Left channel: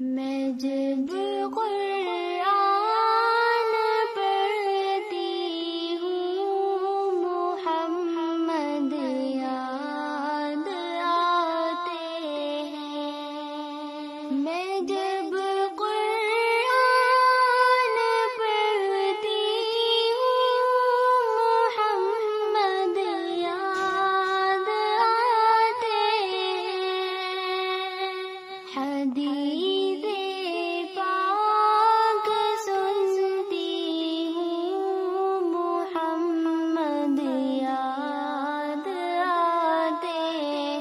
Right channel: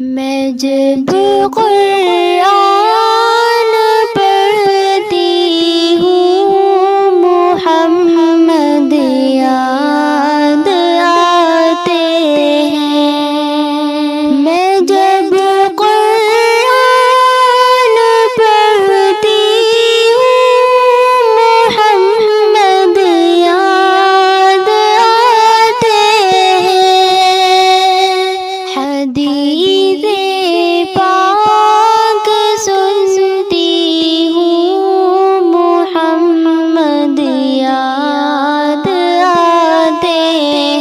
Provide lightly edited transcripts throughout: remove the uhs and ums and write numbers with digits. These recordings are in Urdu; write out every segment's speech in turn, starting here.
میں جب قرآن پڑھتی ہوں محمد یاد آتے ہیں۔ میں جب قرآن پڑھتی ہوں محمد یاد آتے ہیں۔ حدیث پاک سنتی ہوں محمد یاد آتے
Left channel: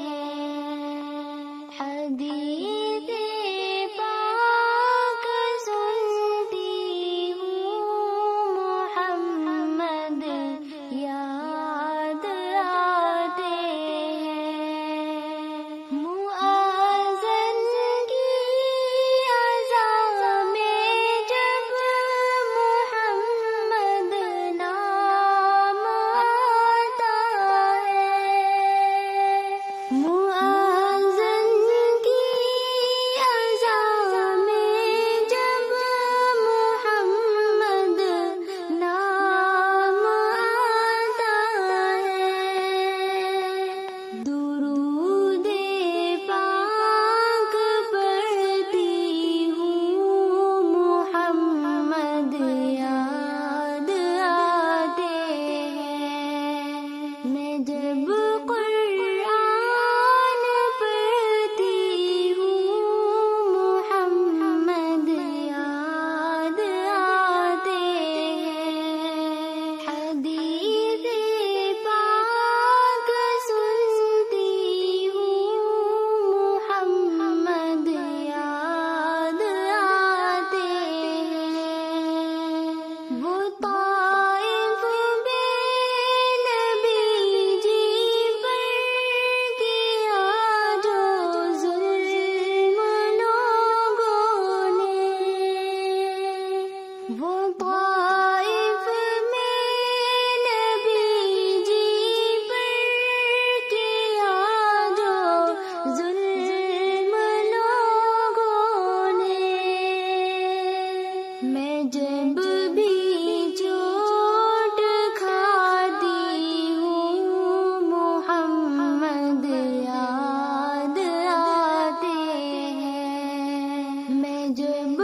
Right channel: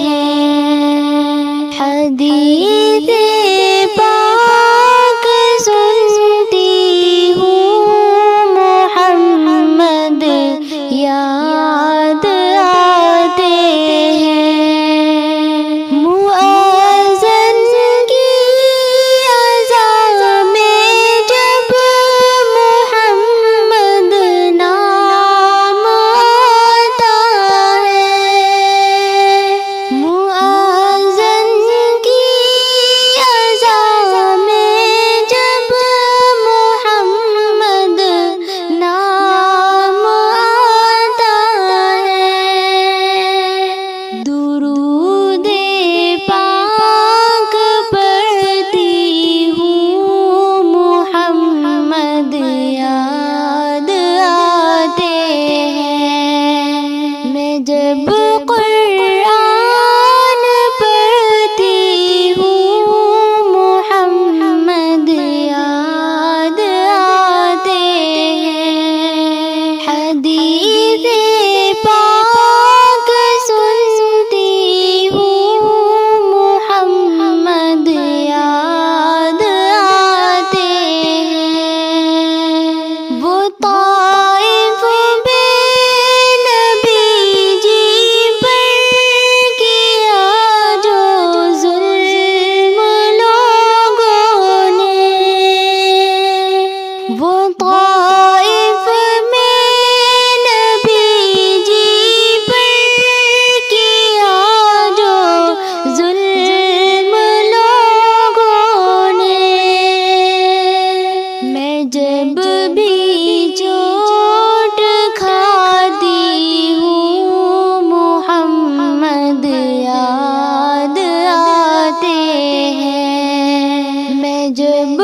ہیں۔ حدیث پاک سنتی ہوں محمد یاد آتے ہیں۔ مؤذن کی اذان میں جب محمد نام آتا ہے، مؤذن کی اذان میں جب محمد نام آتا ہے، درود پاک پڑھتی ہوں محمد یاد آتے ہیں۔ میں جب قرآن پڑھتی ہوں محمد یاد آتے ہیں۔ حدیث پاک سنتی ہوں محمد یاد آتے ہیں۔ وہ طائف بے نبی جی پر کیا جو ظلم لوگوں نے، وہ طائف میں نبی جی پر کیا جو ظلم لوگوں نے، میں جب بھی چوٹ کھاتی ہوں محمد یاد آتے ہیں۔ میں جب